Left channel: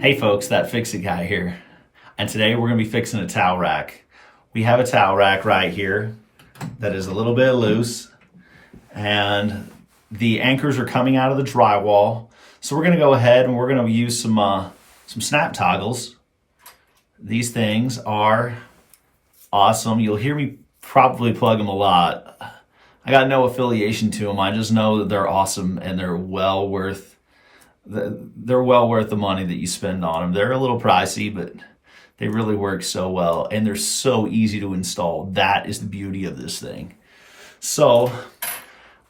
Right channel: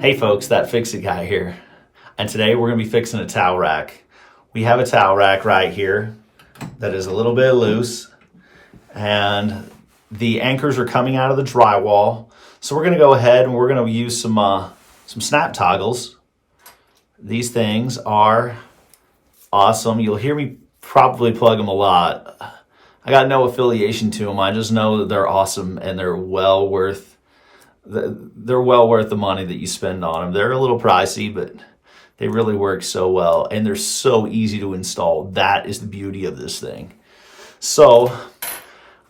Hey folks, that Fix-It guy here. And today we're gonna be fixing a towel rack. We have a towel rack right here that is a little bit loose and the anchors are coming out of the drywall. So we're gonna go ahead and we're gonna use some snap toggles. These things are awesome. You'll hear me probably plug them a lot. I got no affiliation to them. I just know that they're awesome and they're well worth the money that you spend on them. They're a little pricey, but they really work so well and they're so easy to install. That is the beauty of this thing. So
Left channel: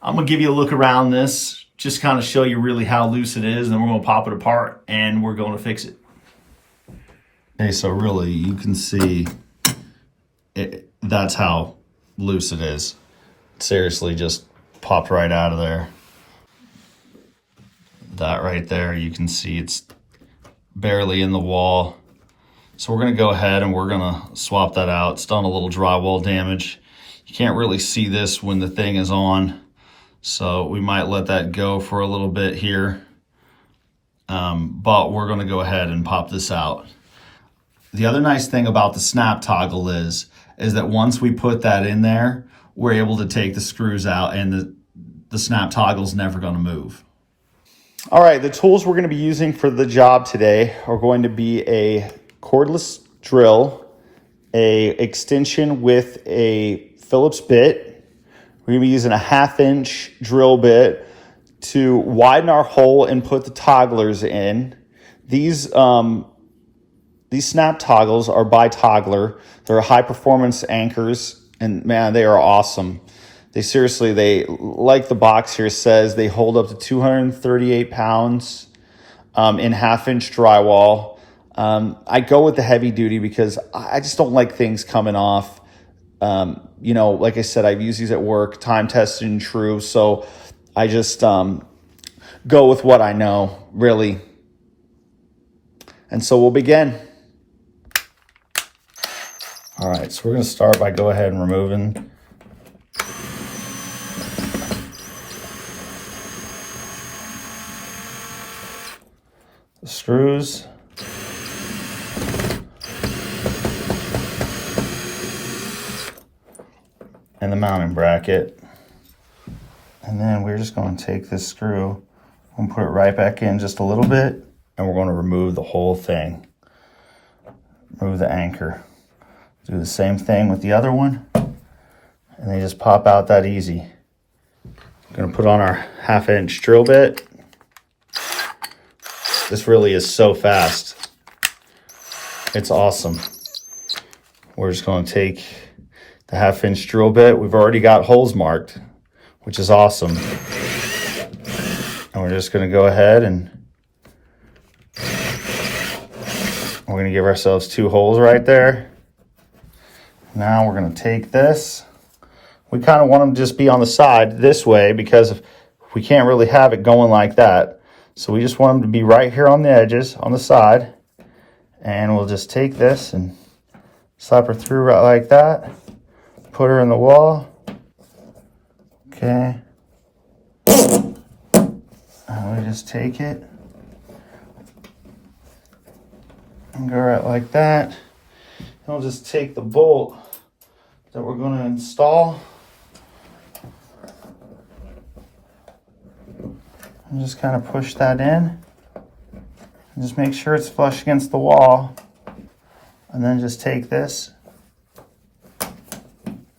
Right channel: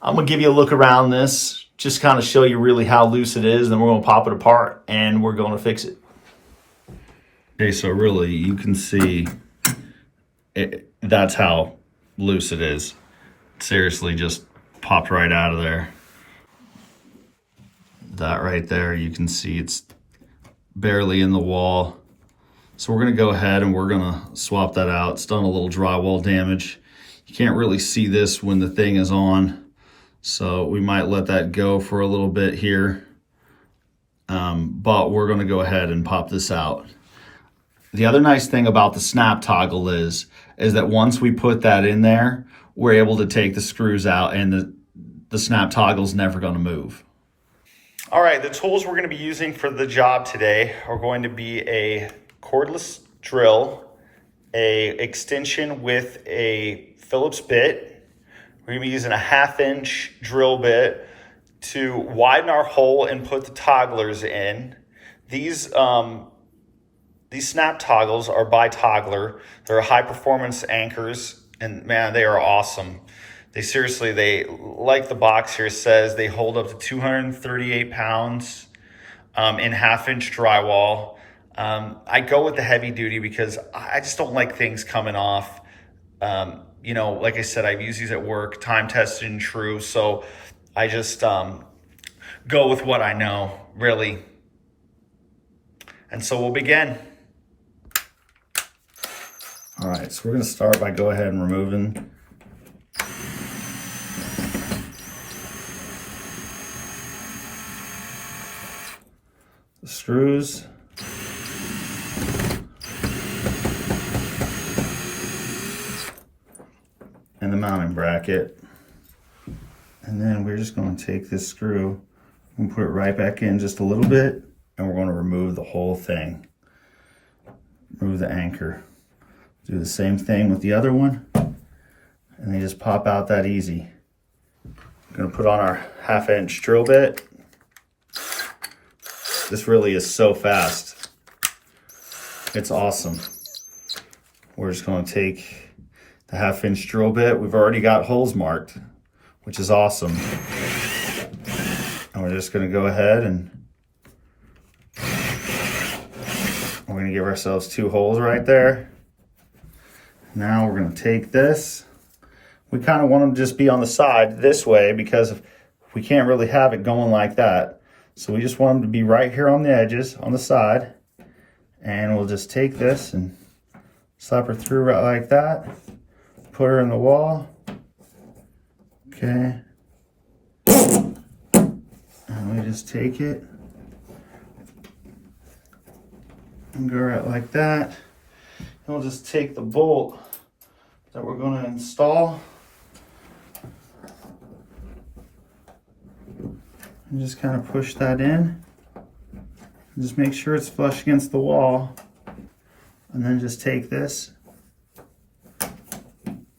I'm gonna give you a look around this, just kind of show you really how loose it is, and then we're gonna pop it apart and we're gonna fix it. Okay, so really you can see that's how loose it is. Seriously, just popped right out of there. That right there, you can see it's barely in the wall. So we're gonna go ahead and we're gonna swap that out. It's done a little drywall damage. You can't really see this when the thing is on, so we might let that go for a little bit here. But we're gonna go ahead and pop this out. The other nice thing about the snap toggle is that once we put that in there, we're able to take the screws out and the snap toggle's never gonna move. All right, the tools we're going to be using for the job today are going to be a cordless drill, a extension with a Phillips bit. We're going to be using a 1/2-inch drill bit to widen our hole and put the togglers in. These snap toggles are by Toggler. They're high performance anchors, and man, they are awesome. They like the box here says, they hold up to 238 pounds in 1/2-inch drywall. I go with the heavy duty because I just don't like things coming off. You know, like I said, I've used these at work, time tested and true. So I just go with what I know, really. And so we'll begin. All right, so we're gonna start by go ahead and removing the screws. And the mounting bracket. And then we're just going to take this screw and put it right back in just a little bit, and we're going to remove the whole thing. Remove the anchor. Do the same thing with the other one, and they just pop out that easy. I'm going to put on our 1/2-inch drill bit. This really is so fast. It's awesome. We're just going to take the 1/2-inch drill bit. We've already got holes marked, which is awesome. And we're just going to go ahead and we're going to give ourselves 2 holes right there. Now we're going to take this. We kind of want them to just be on the side this way because if we can't really have it going like that. So we just want them to be right here on the edges, on the side. And we'll just take this and slap her through right like that. Put her in the wall. Okay. And we just take it and go right like that. And we'll just take the bolt that we're going to install and just kind of push that in. And just make sure it's flush against the wall. And then just take this,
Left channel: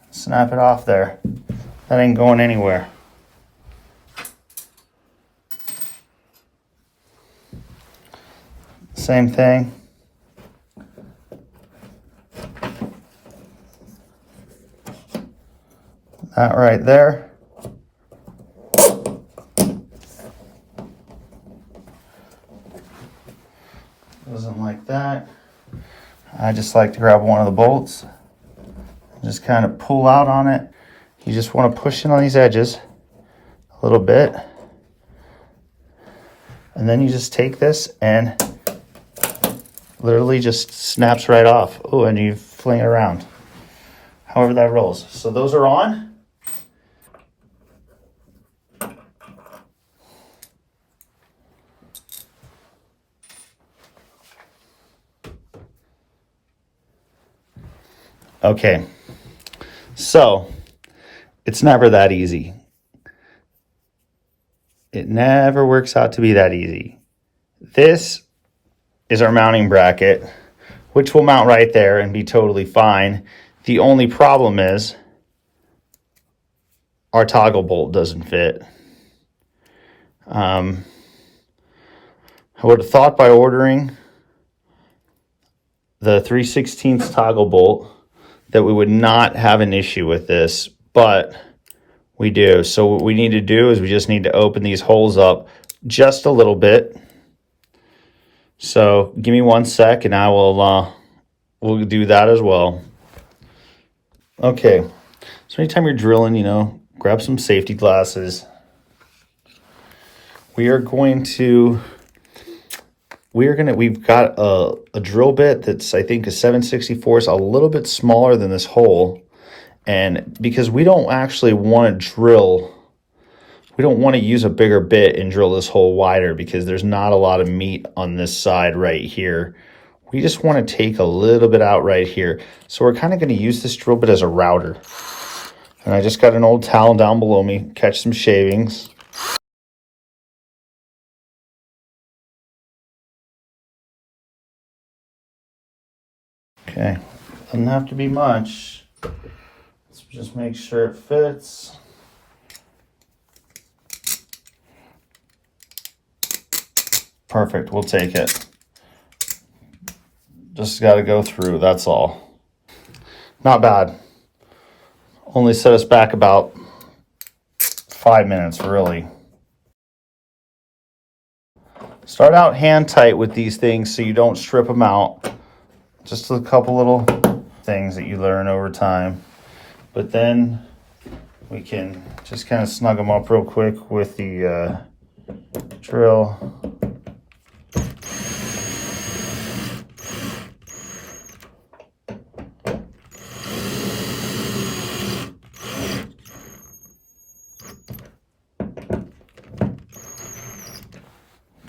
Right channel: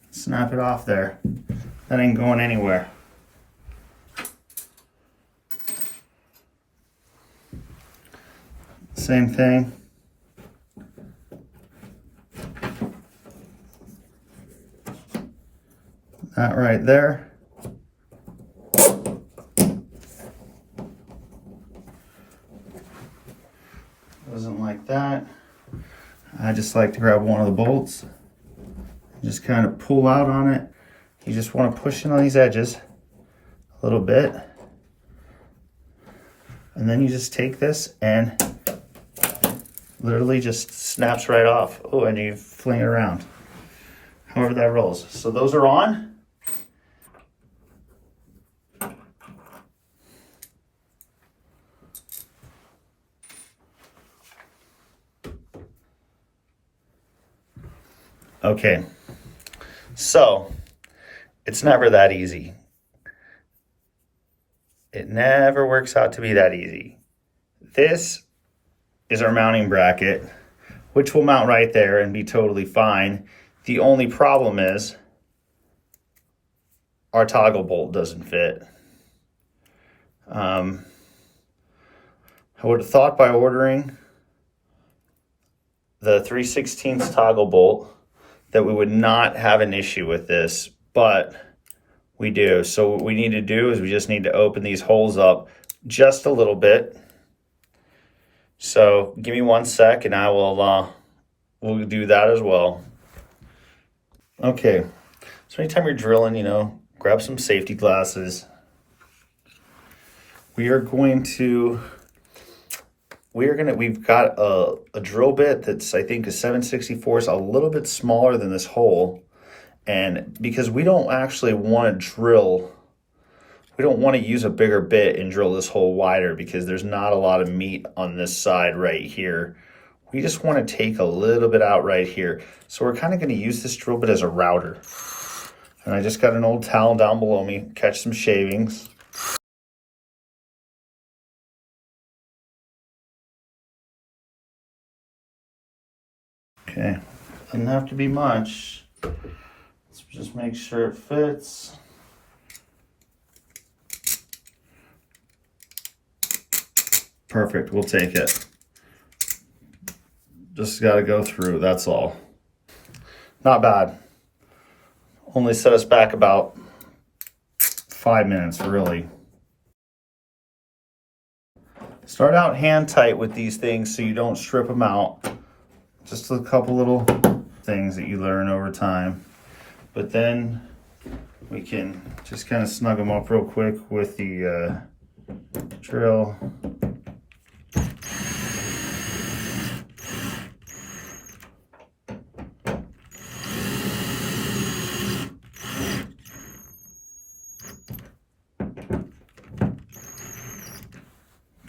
snap it off there. That ain't going anywhere. Same thing. That right there. Doesn't like that. I just like to grab one of the bolts and just kind of pull out on it. You just want to push in on these edges a little bit. And then you just take this and literally just snaps right off. Oh, and you fling it around. However that rolls. So those are on. Okay, so it's never that easy. It never works out to be that easy. This is our mounting bracket, which will mount right there and be totally fine. The only problem is our toggle bolt doesn't fit. I would have thought by ordering the 3/16 toggle bolt that we would not have an issue with this, but we do. So what we need to do is we just need to open these holes up just a little bit. So give me 1 sec and I will we'll do that as well. Okay, so anytime you're drilling, you know, grab some safety glasses. We've got a drill bit that's, I think, a 7/64, a little bit smaller than this hole. And because we don't actually want to drill, we don't want to use a bigger bit and drill this hole wider because there's not a lot of meat on this side right here. We just want to take a little bit out right here. So we're kind of going to use this drill bit as a router. And I just got an old towel down below me, catch some shavings. Okay, doesn't have to be much. Let's just make sure it fits. Perfect, we'll take it. Just got to go through, that's all. Not bad. Only set us back about 5 minutes, really. Start out hand tight with these things so you don't strip them out. Just a couple little things that you learn over time. But then we can just kind of snug them up real quick with the drill.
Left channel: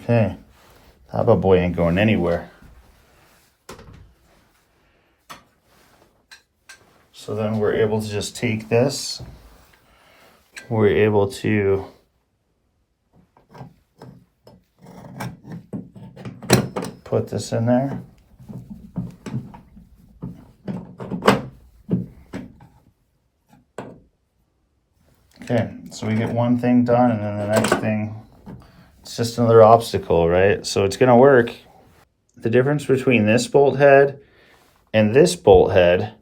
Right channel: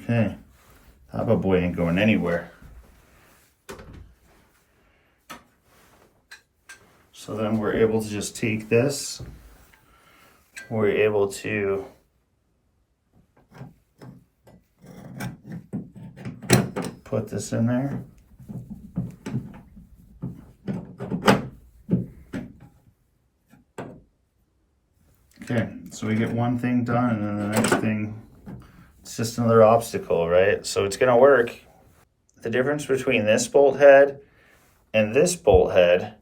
Okay, that boy ain't going anywhere. So then we're able to just take this, we're able to put this in there. Okay, so we get one thing done and then the next thing, it's just another obstacle, right? So it's gonna work. The difference between this bolt head and this bolt head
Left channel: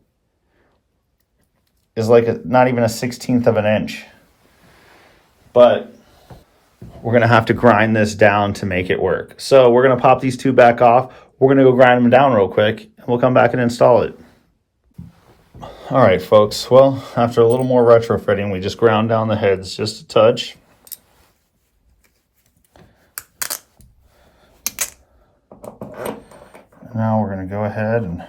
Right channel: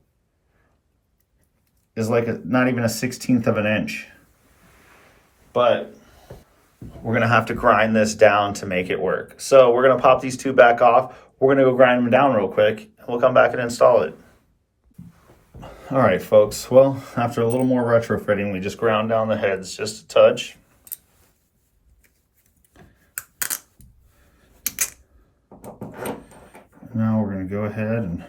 is like not even a 1/16 of an inch. But we're gonna have to grind this down to make it work. So we're gonna pop these two back off. We're gonna go grind them down real quick and we'll come back and install it. All right, folks. Well, after a little more retrofitting, we just ground down the heads just a touch. Now we're gonna go ahead and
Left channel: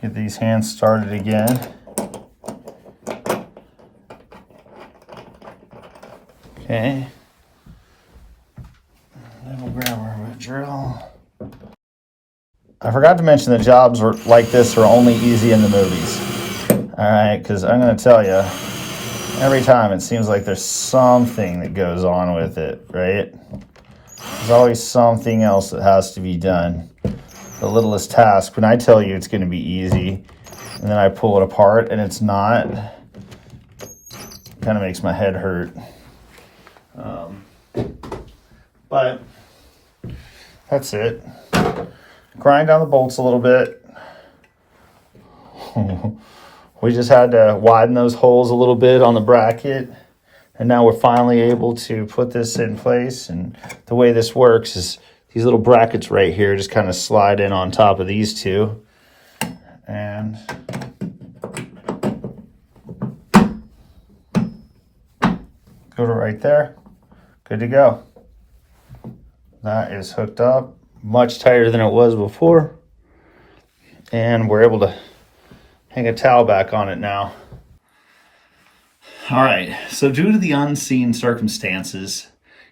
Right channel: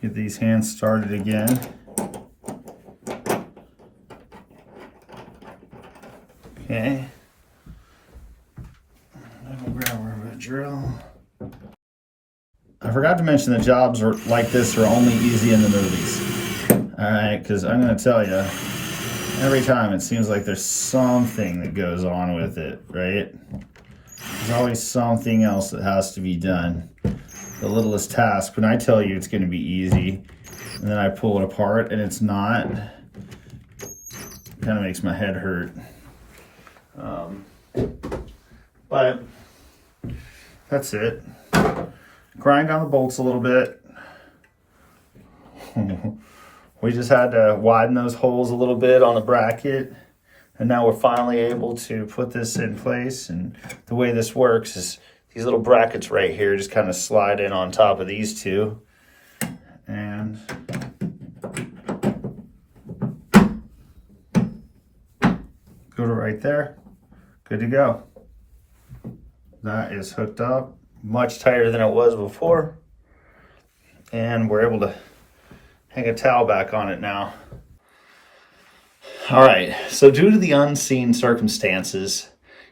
get these hands started again. Okay. Then we'll grab our drill. I forgot to mention that jobs like this are only easy in the movies. All right, because I'm going to tell you, every time it seems like there's something that goes on with it, right? There's always something else that has to be done. The littlest task, when I tell you it's going to be easy, and then I pull it apart and it's not, it kind of makes my head hurt. But that's it. Grind down the bolts a little bit. We just had to widen those holes a little bit on the bracket, and now we're finally able to put this in place. And the way this works is these little brackets right here just kind of slide in on top of these two, and go to right there. Good to go. That is hooked up, much tighter than it was before, and we're able to hang a towel back on it now. All right, so due to the unseen circumstances,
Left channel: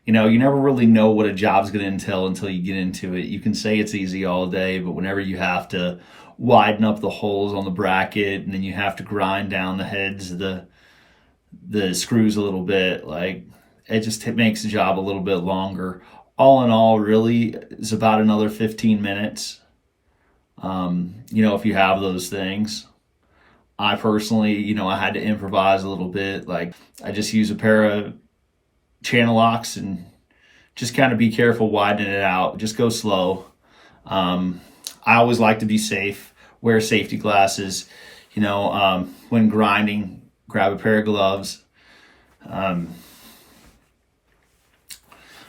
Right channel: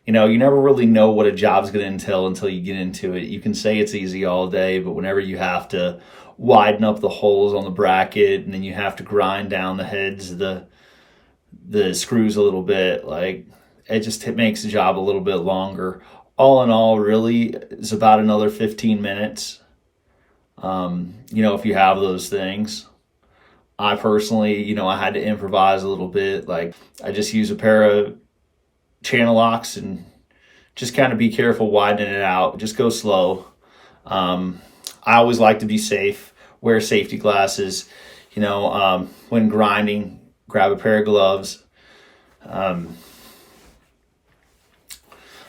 you know, you never really know what a job's going to entail until you get into it. You can say it's easy all day, but whenever you have to widen up the holes on the bracket, and then you have to grind down the heads of the screws a little bit. Like, it makes the job a little bit longer. All in all, really, it's about another 15 minutes. If you have those things. I personally, I had to improvise a little bit. Like, I just use a pair of channel locks and just kind of be careful widening it out. Just go slow. I always like to be safe, wear safety glasses. When grinding, grab a pair of gloves.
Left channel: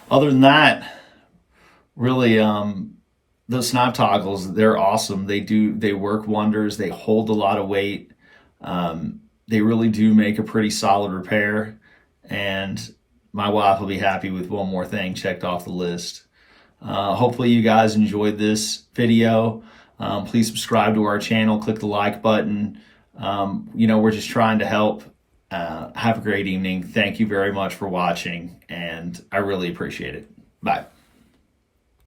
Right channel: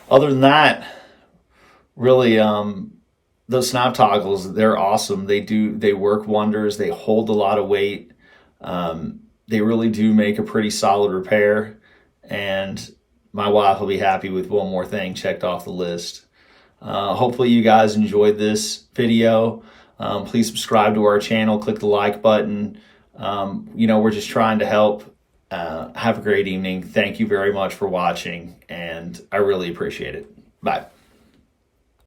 Other than that, really, those snap toggles, they're awesome. They work wonders. They hold a lot of weight. They really do make a pretty solid repair. And my wife will be happy with one more thing checked off the list. Hopefully you guys enjoyed this video. Please subscribe to our channel, click the like button. We're just trying to help. Have a great evening. Thank you very much for watching, and I really appreciate it. Bye.